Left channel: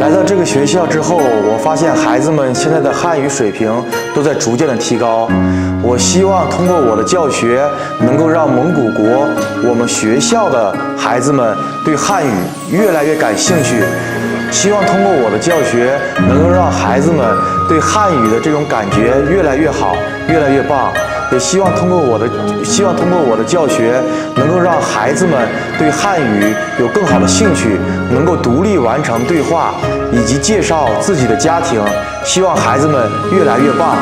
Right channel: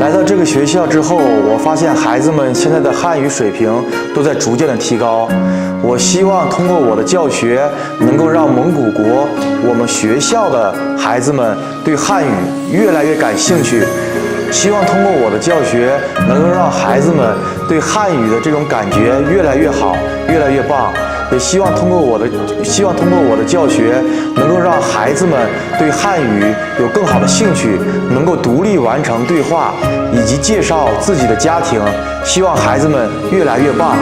来到这个学校之后，我发现孩子们现在的汉语水平都在逐渐的提高。我希望通过我的教学，能够让蒙古国我们学校的孩子们对汉语越来越感兴趣。希望通过我的教学，能够让孩子们对汉语的这种感觉越来越好，越来越棒。也希望通过我的教学，能够让孩子们对汉语有更好的兴趣，能够独立完成对话以及介绍自己的家庭。希望孩子们越来越棒。